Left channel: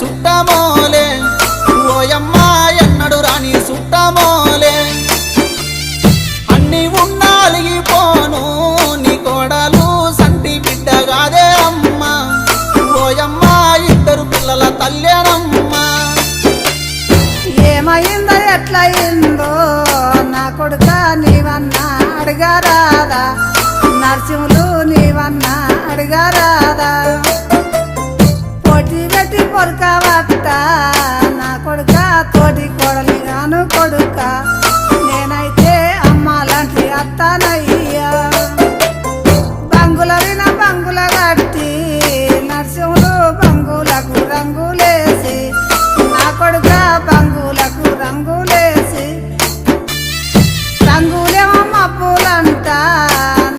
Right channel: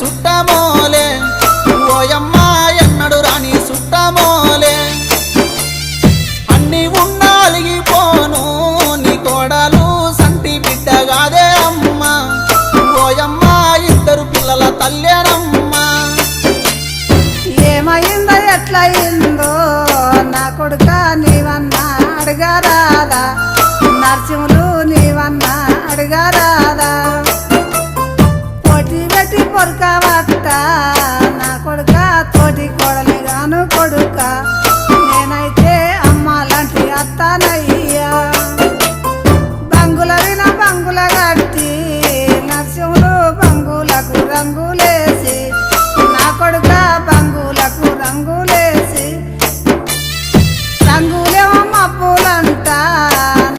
సుట్టమోలే ఓయమ్మా ఎన్నడు రాని సుట్టమోలే అన్ని ఉండాలిగిపోను నీ కోడలు సంటి బిడ్డగాదే అమ్మా ఓయమ్మా ఇద్దరు పిల్లల తల్లేనమ్మా ఏమైందో ఎట్లయిందో నా కొడుక నీవన్నా అడగారాదా నరసింహులు నీవన్నా అడగారాదా పోటీ పెట్టి పొరకవట్ట నా కొడుక తోటి కోడలి గాను కొడుక నేనైతే అమ్మ లాంటి అత్తానయ్యా బంగుల విన బంగుల కట్టి నరసింహులు బంగులకు రంగులేసి నా కొడుక బంగులకు రంగులేసి రంగులేమో మబ్బులంట